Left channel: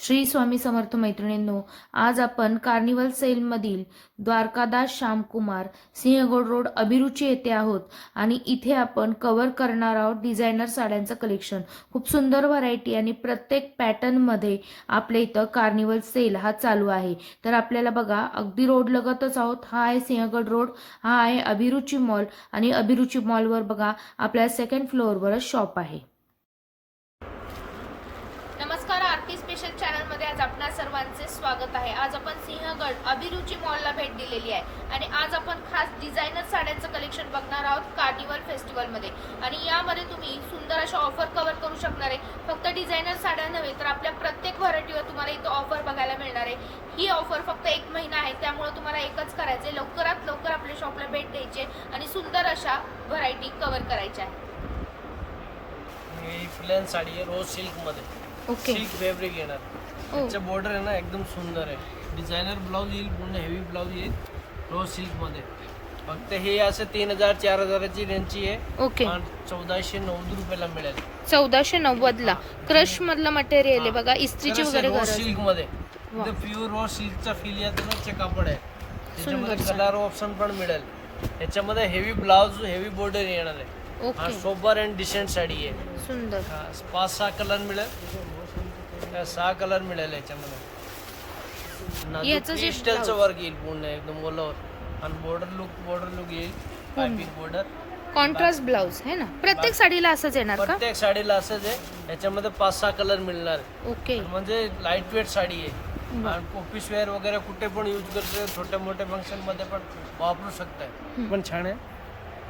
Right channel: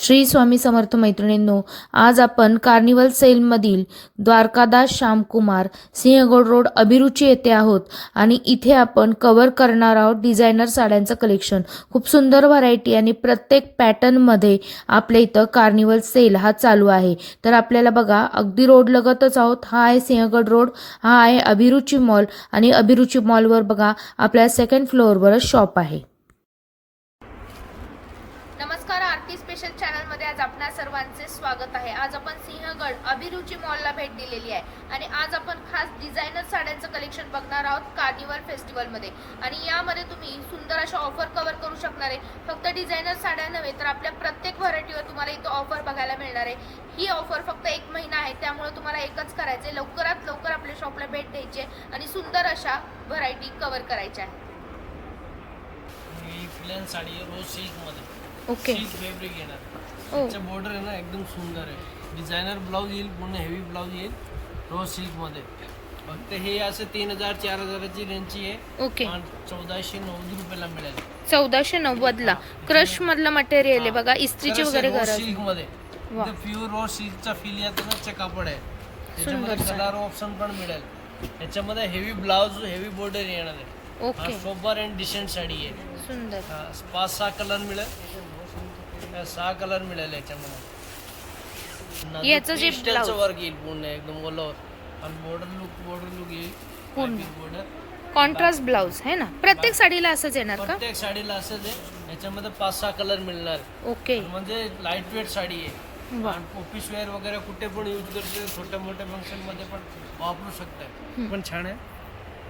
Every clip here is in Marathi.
श्री स्वामी समर्थ मैत्रिणींनो आज आपण कार्निवल सेलमधील द्वारकादास श्यामकुमार सिंहगड रोड अभिरुची येथे आहोत. आणि इथे आपण कवर करणार आहोत डिझायनर साड्यांचं कलेक्शन खूप सुंदर व्हरायटी आणि प्रत्येक पॅटर्नमध्ये आपल्या इथं कार्निवल सेल हा चालू आहे. तर आपल्याला बघा अगदी रोड लगतच आहोत. हा आहे सिंहगड रोड हा आहे अभिरुची मॉल आणि अभिरुची मॉलवर बघा आपल्या सेकंड फ्लोअरवरच शॉप आहे. आज आपणा सर्वांचे स्वागत आहे. आज आपण सिंहगड अभिरुची मॉलला भेट दिलेली आहे. आणि आज आपण खास डिझायनर साड्यांचं कलेक्शन बघणार आहोत कार्निवल फेस्टिवलमध्ये आणि यामध्ये तुम्ही सुंदर अशा ऑफर कव्हर करू शकणार आहे. फक्त डिझायनर साड्या नव्हे तर आपल्या प्रत्येक व्हरायटीवर तुम्हाला इथं ऑफर बघायला मिळणार आहे. ही ऑफर फक्त एक महिना आहे. त्यामुळे तुम्हाला एकच करायचं आहे लवकरात लवकर आपल्या शॉपला भेट द्यायची आहे आणि सुंदर अशा व्हरायटी कव्हर करायच्या आहे. ही साडी आहे रोज सिल्कमध्ये ओके सिल्क फॅब्रिक येणार. त्याचं बॉर्डर आहे ना एकदम सुंदर आहे. डिझायनर ब्लाऊज येईल पूर्ण हेवी ब्लाऊज येईल रोज सिल्कमध्ये. फक्त हे असं तीन हजार चार हजाराची रेंजची आहे. ओके. चौदाशे नव्वद रुपयाला मिळेल. चौदाशे नव्वदला. क्रश मधलं मटेरियल आहे बघा इस्त्रीची वगैरे सिल्कमध्ये. प्युअर रोज सिल्कचा फील येतो ना ते कापड आहे त्याच्यामध्ये कलर ऑप्शन पण मिळेल. त्याच्यामध्ये हेवी ब्लाऊज हेवी बॉर्डर येणार आहे. हा सोबर अँड डिसेंट साडी आहे. सुंदर. हा, पाच सहा कलर मिळेल. त्या सहा कलर मिळेल याच्यामध्ये. याचं जे blouse- वर्क येईल पूर्ण एकदम ओलावर आणि बॉर्डर लुक बॉर्डर लुक येईल. बॉर्डर कॉन्ट्रास्ट ब्लाउज है ना? प्रत्येक साडीला असंच येणार का? प्रत्येक साडीला असंच आहे. याच्यामध्ये पाच सहा कलर मिळणार. आहे. ओके म्हणजे लाइट वेट साडी आहे. वा. आणि ऑफिस वेअर वगैरे कुठे पण यूज करतो छोट्या मोठ्या फंक्शनमध्ये पण वापरू शकताय. पण छान आहे.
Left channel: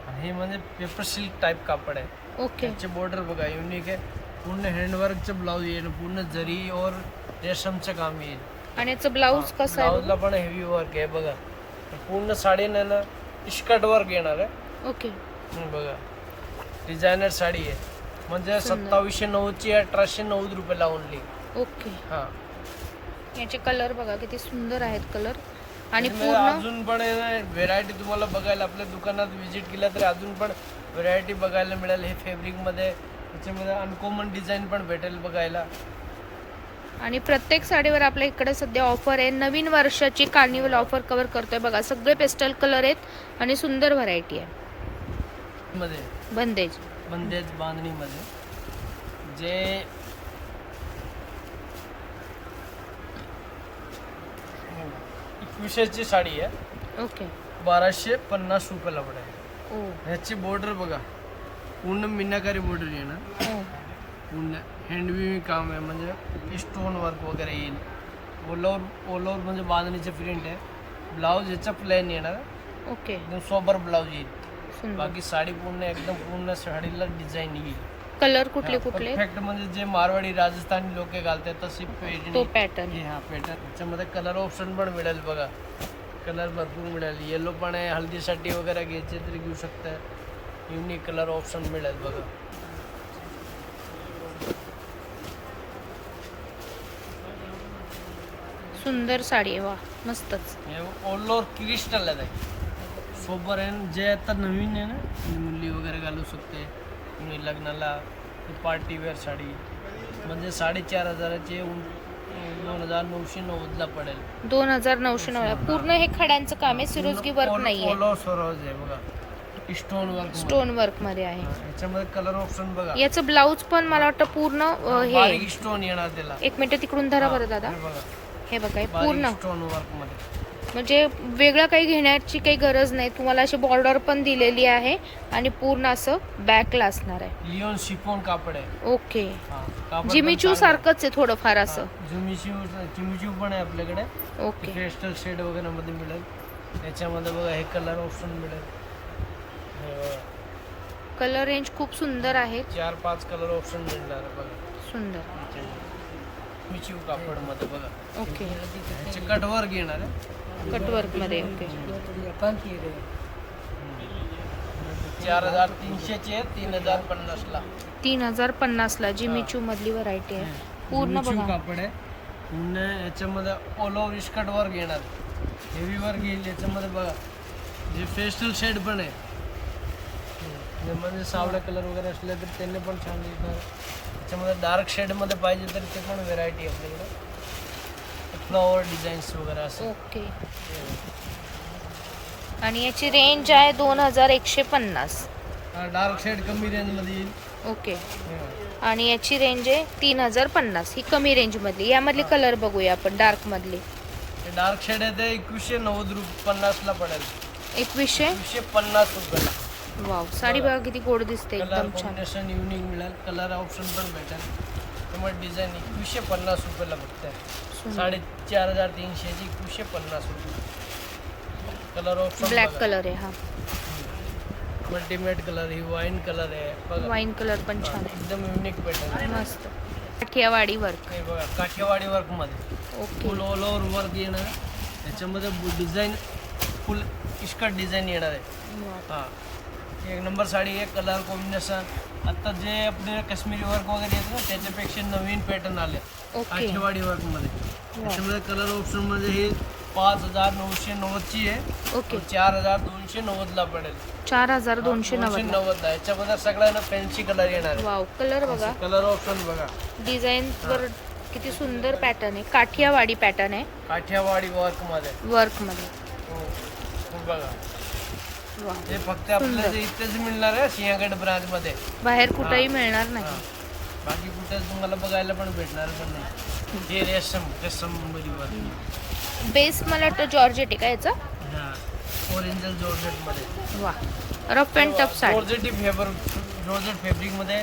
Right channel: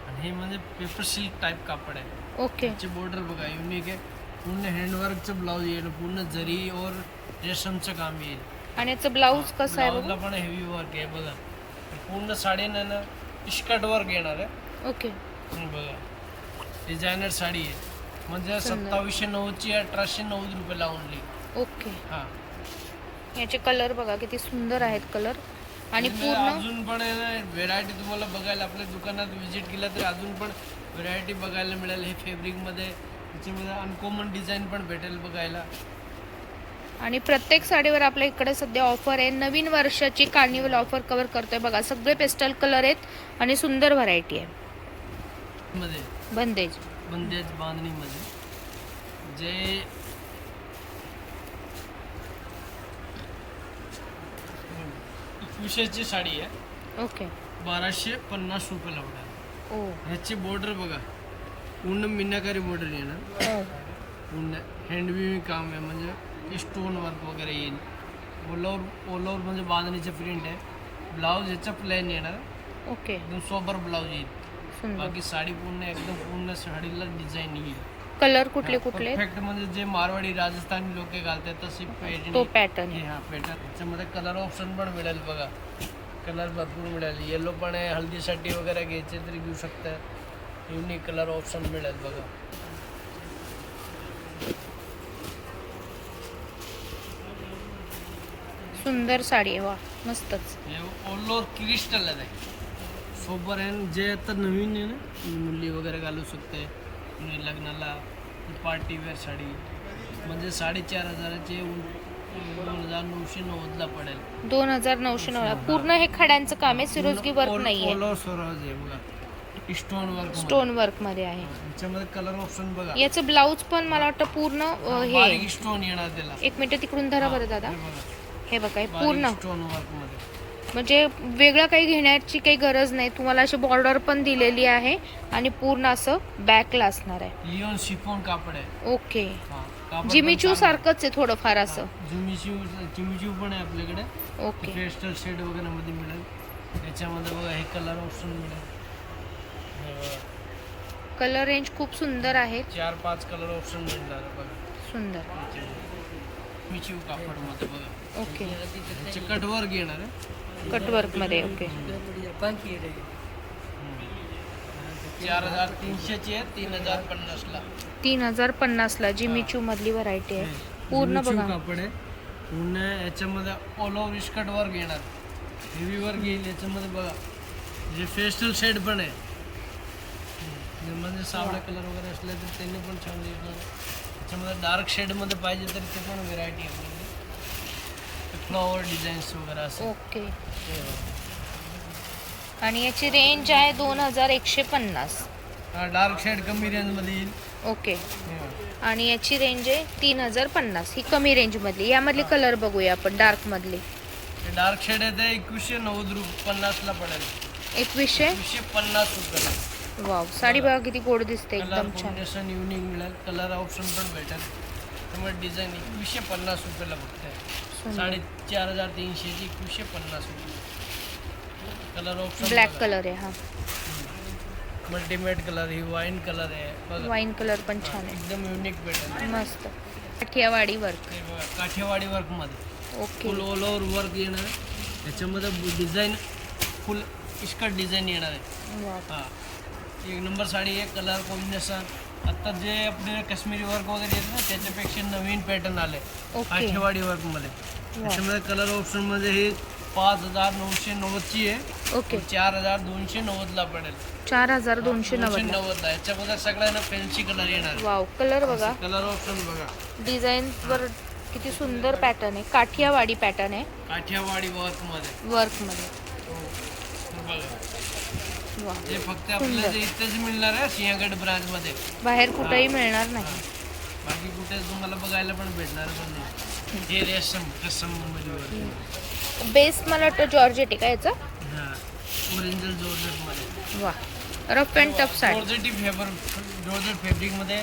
आणि ही म्हणजे पेपर सिल्क टाईप कापड आहे. ओके. त्याचे बॉर्डर बघा युनिक आहे. पूर्ण हँडवर्कचं ब्लाऊज येईल पूर्ण जरी और रेशमचं काम येईल. आणि याचं ब्लाऊज कसं आहे ब्लाऊजला पण हेवी वर्क आहे बघा. पूर्ण साडीनं ना इस्कट वर्क येणार आहे? ओके. हम्म, बघा. डिझायनर साडी आहे. म्हणजे सत्तावीसशे नव्वदची अठराशे नव्वद रुपये लावून ओके. हा. याचे कलर बघा किती सुंदर आहेत कलर आणि पूर्ण? अजून पण व्हेरायटी तुम्हाला बघायला आपल्या दुकानात व्हिजिट केला तरी अजून पण व्हेरायटी बघायला मिळेल. हे फॅब्रिकमध्ये त्याच्यामध्ये अनकॉमन डिझाईन पण भेटेल बघायला. आणि प्रत्येक साडीवर आपल्या इकडे सध्या ऑफर आहे. नवीन वर्षाची कार्निवल ऑफर कव्हर करतोय बघा. सगळे पेस्टल कलर आहेत आणि सुंदर व्हरायटी आहे. मध्ये. बंदेज. बंदेज बांधणीमध्ये. जे एकविशेची साडी आहे. ओके. बाराशे पन्नास रुपयाला पडेल ओ. ह्याची बॉर्डर बघा. पूर्ण मीनाकारी बॉर्डर येणार ओ पूर्ण हँडविविंग काम आहे म्हणजे स्टोन वर्क वगैरे येईल. ओलावर ओलावर म्हणजे बांधणीचे प्रिंट आहे. ब्लाऊज याचा प्लॅन येणार. ओके एकदम सोबर ब्लाऊज येईल. बाकी साडी पूर्ण एकदम पूर्ण साडीला डिझाईन येईल. कलर कुठले कुठले? परफेक्ट म्हणजे जे मारवाडी राजस्थानी लोक घालतात तशी तो पॅटर्न हे हा पॅटर्न याच्यामध्ये कलर ऑप्शन पण मिळेल बघा. कलर भरपूर मिळेल. येलो पण आहे हल्दीसाठी वगैरे घ्यायचे तरी घेऊ शकता युनिक कलर ऑप्शन मिळेल बघा. सुंदर साडी आहे वा मस्तच. हे ऑल ओव्हर क्रिस्टल आहे सोबर आहे जे आता नवीन आहे ना मुली वगैरे घालू शकते. लग्नाला पार्टी वेअर साडी. म्हणजे साडेचार हजाराची दोन हजार नऊशे नव्वदला पडेल. दोन हजार नऊशे नव्वद. पूर्ण हे खड्यांचं काम आहे सिरोजगी वर्क ऑल ओव्हर स्वराज आहे बघा. स्टोन वर्क स्टोन वर्कमध्ये आहे. याच्यामध्ये कलर ऑप्शन बघा. याचं ब्लाऊज पण मला वाटतं पूर्ण हे स्टोन येणार त्याला. एक मिनिट तिकडून धरा बरं दादा. हे बघा. हे पूर्ण. स्टोन वर्कमध्ये. म्हणजे वेगळं काही घेण्याची काही गरज नाही. तुम्हाला अशी बॉर्डर पण दिलेली आहे आणि पूर्ण असं बॅकला असणार आहे. लिओन शिफॉन कापड आहे. ओके. जिमीचू सारखंच आहे थोडंफार असं. जिमीचू जिमीचू पण आहे आपल्याकडे. ओके. पेस्टल शेड वगैरे मध्ये मिळेल. त्याच्यामध्ये बघा हे कलर ऑप्शन मिळेल. कलर रेंज खूप सुंदर आहे चार पाच कलर ऑप्शन मिळणार बघा. सुंदर. याच्यामध्ये मिचिव कापडमध्ये बघा. ओके. ह्याचे कटवर घेणार आहे. कटवर्कमध्ये ओके. चार हजार तीनशेची आहे तीन हजार पन्नासला. तीन हजार पन्नास ला जिमीचू मधली व्हरायटी आहे. पूर्ण जिमीचू बघा. कापड आहे. पूर्ण याच्यामध्ये ऑल ओव्हर इस्कट वर घेणार हेवी वर घेईल याच्यामध्ये बघा. जे फेस्टल शेड पण आहे. म्हणजे सावळा कलर वगैरे असले तर त्यांनी पण छान दिसणार. त्याच्यामध्ये डार्क शेडमध्ये पाहिजे तर ते पण व्हेरायटी आपल्याकडे. फ्लॉवर डिझाईन्स वगैरे असे. ओके आणि याची रेंज आहे दोन हजार एकशे पन्नास. डार्क शेड कमी रेंजमध्ये येईल. ओके. आणि याची रेंज आहे तीन हजार पन्नास. ही कमी रेंज मधली. यामधली कलर बघूया आपण डार्क मधली. हे डार्क शेड आहे ते एकवीसशे नव्वद रुपये पन्नासला पडेल. एकवीसशे? एकवीसशे पन्नास रुपयाला. वाव साडी बघा किती गोड दिसते कलर एकदम छान. कॉम्बिनेशन युनिक मिळेल. कलर ऑप्शन पण भेटेल. त्यामुळे डिझाईन एकवीसशे पन्नास रुपयाला बघताय. साडेचार हजार तीनशेची एकवीसशे पन्नास रुपये. कलर ऑप्शन ब्लॅक कलर आहे हा. मल्टीमेट कलर ही वाईन कलर आहे. बघा. वाईन कलर पण छान आहे. एकदम युनिक पॅटर्न मस्त. काठियावाडी वर्क बघा Kathiawadi वर्कमध्ये. Okay full all over work येणार आहे. त्याच्यामध्ये डिझाईन फुल इस्कट डिझाईन येणार आहे. हा. एक नंबर साडी आहे कलर कॉम्बिनेशन आता जे आपले काश्मीरी वर्क वगैरे येतं ना त्याच्यापेक्षा नवीन पॅटर्न आले. ओके. काठीवाडी वर्कमध्ये. त्याच्यामध्ये कलर ऑप्शनमध्ये हे पाच हजार नऊशे नव्वदची आहे. ओके. चार हजार दोनशे नव्वद ला पडेल. चार हजार दोनशे नव्वद. नव्वद ला याच्यामध्ये सगळ्यांना फॅन्सी कलर येणार वाव कलर बघा. कलर ऑप्शन बघा. डिझाईन वर किती सुंदर पॅटर्न आहे. काठियावाडी पॅटर्न आहे. काठियावाडी वर्कमध्ये. वर्कमध्ये. हो, बघा. हे फक्त आपल्याला इथेच मिळणार आहे सिंहगड ब्रांच मध्ये. बाहेर कुठेही मिळणार. नाही. बाकी कुठे तुम्हाला बघायला पण भेटणार पण नाही. हे रेशम कसममध्ये बेस मला वाटतं जॉर्जेट आहे का याचा? हा. ओरिजिनल जॉर्जेटमध्ये. वा. Rough and tough sari. जॉर्जेटी फेबर जॉर्जेट फॅब्रिकमध्ये.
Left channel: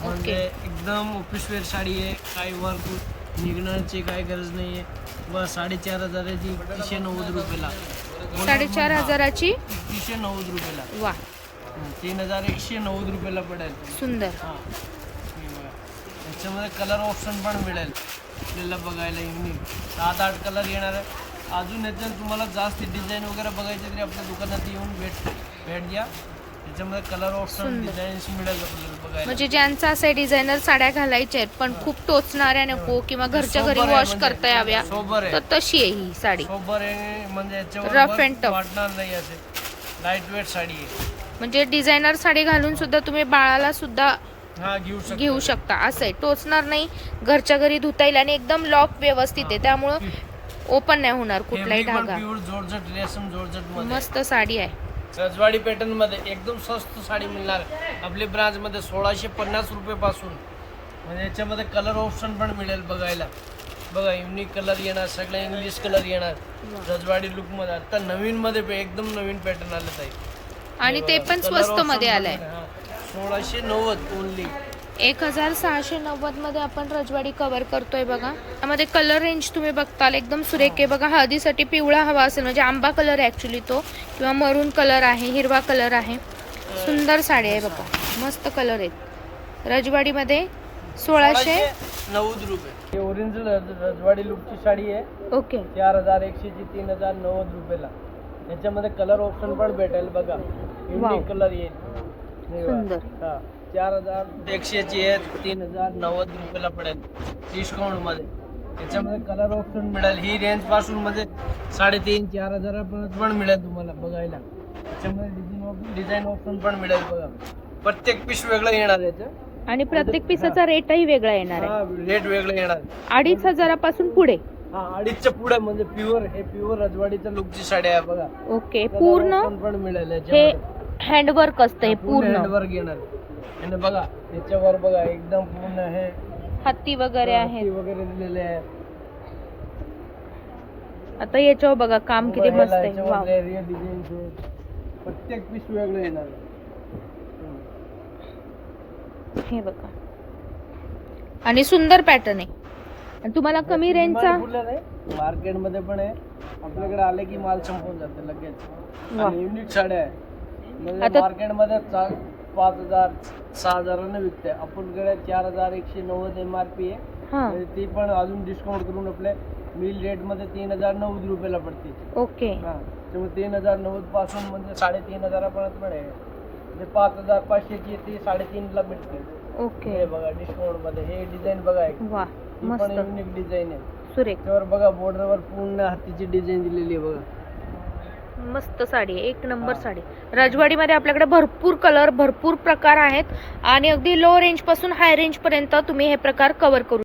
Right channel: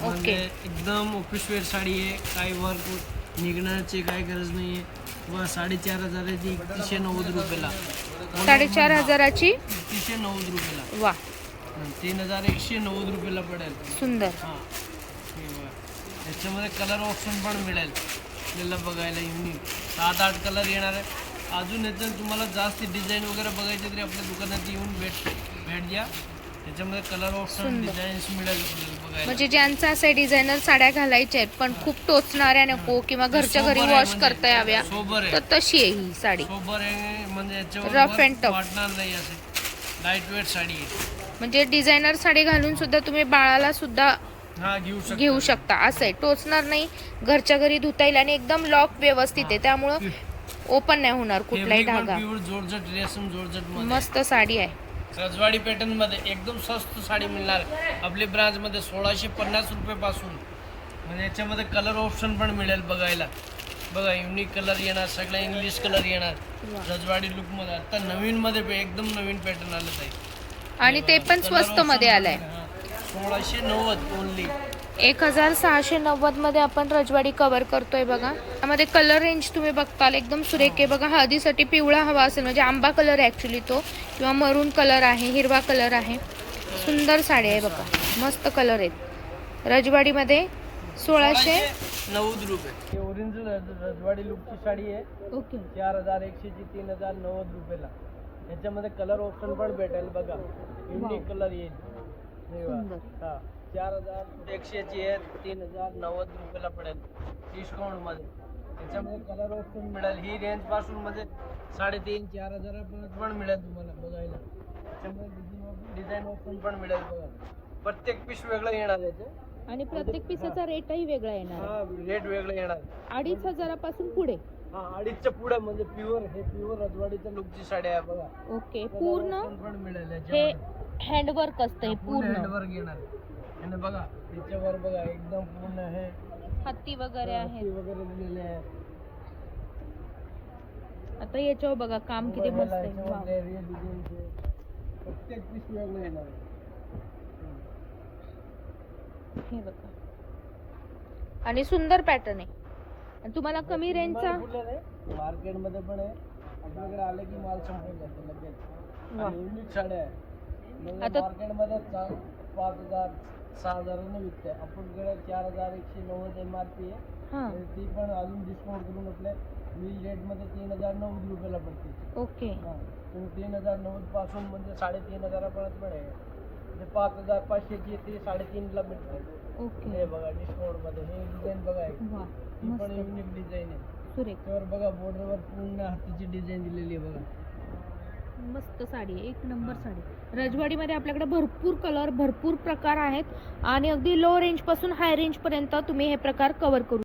म्हणजे एकदम ऑफिस वेअर साडी आहे. काही वर्क निघण्याची काही गरज नाही आहे व साडेचार हजार आहे ती एकतीसशे नव्वद रुपयाला. साडेचार हजाराची? एकतीसशे नव्वद रुपयाला. वा. तीन हजार एकशे नव्वद रुपयाला पडेल. सुंदर. हां. हे बघा. याच्यामध्ये कलर ऑप्शन पण मिळेल. आपल्याला बघायला युनिक सात आठ कलर येणार आहे. अजून याच्यात तुम्हाला जास्त डिझाईन वगैरे बघायची तरी आपल्या दुकानात येऊन भेट भेट द्या. त्याच्यामध्ये कलर ऑप्शन. डिझाईन्स मिळेल आपल्याला बघायला. म्हणजे ज्यांचं असं डिझायनर साड्या घालायच्या आहेत पण खूप टोचणाऱ्या नको किंवा घरच्या घरी सोबर आहे वॉश म्हणजे. करता याव्या सोबर. तर तशी आहे ही साडी. सोबर आहे म्हणजे याच्यावर Rough work and tough. वाटणार नाही असे. लाइट वेट साडी आहे. म्हणजे डिझायनर साडी घालून सुद्धा तुम्ही बाळाला सुद्धा हा घेऊ शकता. घेऊ शकता. असं आहे. टोचणार नाही. घरच्या घरी धुता येईल आणि एकदम लॉक व्यवस्थित आहे. त्यामुळं ओपन नाही होणार कुठलाही धागा. प्युअर जोरजट रेशम जोरजटमध्ये मस्त साडी आहे. रजवाडी पॅटर्नमध्ये एकदम स्वस्त साडी मिळणार. आपली ब्रांच मध्ये सोळाशे पन्नास रुपये पासून म्हणजे याच्यामध्ये कलर ऑप्शन पण मिळेल बघायला. बघा युनिक कलर येणार सगळं इंग्लिश कलर येणार. रजवाडी लुकमध्ये. आता नवीन मध्ये एकदम नवीन पॅटर्न आलं ताई. आणि ते पण स्वस्त मध्ये आलंय. सोळाशे नव्वद ओनली एक हजार सहाशे नव्वदमध्ये आपण रजवाडी कव्हर करतोय बघा. त्यामध्ये कलर रेंज तुम्ही बघताल एकदम सुरेख आहे बघा. हळदीसाठी पिवळा हवा असेल म्हणजे आंबा कलर आहे ऍक्च्युली तो किंवा मरून कलर आहे हिरवा कलर आहे. सुंदर साडी आहे बघा. मस्त कलर आहेत. रजवाडीमध्ये सोळाशे नव्वद रुपये. हे ओरिजिनल रजवाडी लुकची साडी आहे. ओके. चार हजार एकशेची तीन हजार नव्वद रुपयाला. याच्यामध्ये कलर ऑप्शन पण भेटेल बघा. कलर येईल. हे. सुंदर. चार हजार एकशेची आहे तीन हजार नव्वद रुपयाला पडेल डिस्काउंटमध्ये याच्यामध्ये कलर ऑप्शन मिळेल. ही रेंजपासून म्हणजे साडेतीन चार हजारापर्यंत पण मिळेल तुम्हाला बघायला. त्याच्यामध्ये डिझाईन डिझाईन ऑप्शन पण मिळेल बघा. प्रत्येक पीस वेगळं येणार याचं. आणि प्रत्येक पिसाचा रेटही वेगळा येणार आहे. हा रेट वेगळं येणार अडीच हजारापासून पुढे. हा अडीचच्या पुढे म्हणजे प्युअर हे प्युअर रजवाडीच्या लुकची साडी आहे बघा. ओके Colour पूर्ण option पण मिळेल हे याच्यामध्ये. हँडवर्क असतं हे पूर्ण हँडवर्क येणार आणि बघा याच्यावर बघा एकदम पूर्ण हे हत्ती वगैरे हत्ती आहेत. वगैरे दिलेले आहे आता याच्यावर बघा काम किती बघा, मस्त आहे. याच्यावर वाव. area designs आहेत. प्रत्येक पीस वेगळं येणार. हे बघा. आणि सुंदर पॅटर्न आहे. आणि तुम्हाला कमी रेंजचा मार्केटमध्ये पण आहे. आपल्याकडे आले की माल संपून जाते लगेच. वा. युनिक साड्या आहे. म्हणजे आता- मार्केटमध्ये चा- पाच हजार सहा हजाराने विकते आपल्याकडे चार हजार एकशे नव्वद एम आर पी आहे. हा. म्हणजे ती पण अजून डिस्काउंट करून आपल्या मिल रेटमध्ये तीन हजार नव्वद रुपयाला पडते. ओके. हा. त्यामुळे तीन हजार नव्वदपासून म्हणजे साडेतीन हजारापर्यंत पण आहे. म्हणजे पाच हजार पाचशेची ती साडेतीनला भेटते ओके. हे बघा डिस्काउंटमध्ये. हे डिझाईन बघा एक. वा ही पण मस्त. युनिक डिझाईन आहे. सुरेख. त्यावर बघा बॉर्डरवर पूर्ण हातीची डिझाईन दिलेली आहे बघा. मस्त साडी आहे एक नंबर. साडी राजवाडीमध्ये आपल्याकडे भरपूर कलर भरपूर प्रकार आहेत आणि अगदी लो रेंजपासून हाय रेंज पर्यंत तुम्ही हे प्रकार कव्हर करू